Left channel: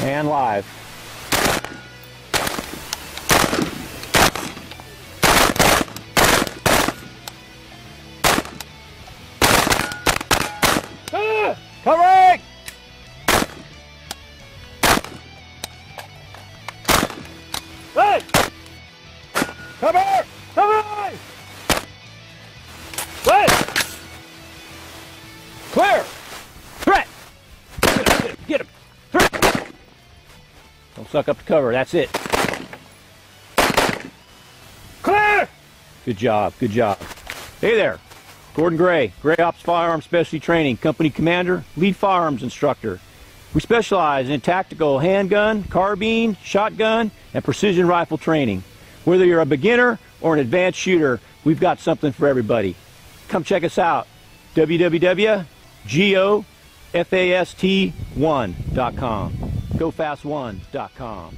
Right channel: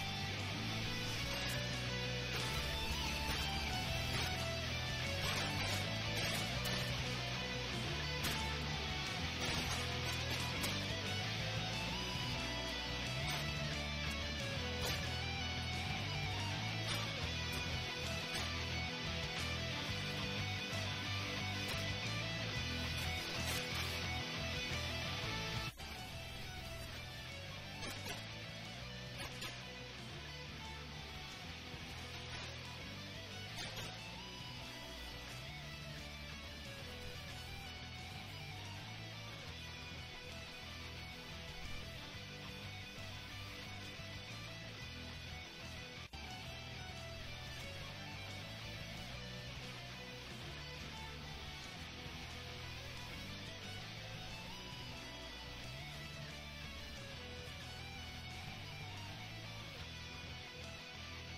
And live. Covering! Hey! Cover! Cover! Hey! Clear! Threat! Get him! Threat! Don't suck up the cover, that's it. Clear! Good job, good job. Hey there. Gordon Gray, Gray Ops Firearms Specialty Training, Company Commander, Lead Firearms Instructor. We specialize in tactical handgun, carbine, shotgun, and precision rifle training. Whether you're a beginner or an advanced shooter, we've got something for everybody. Come check us out, www.gofast1.com, gofast1.com.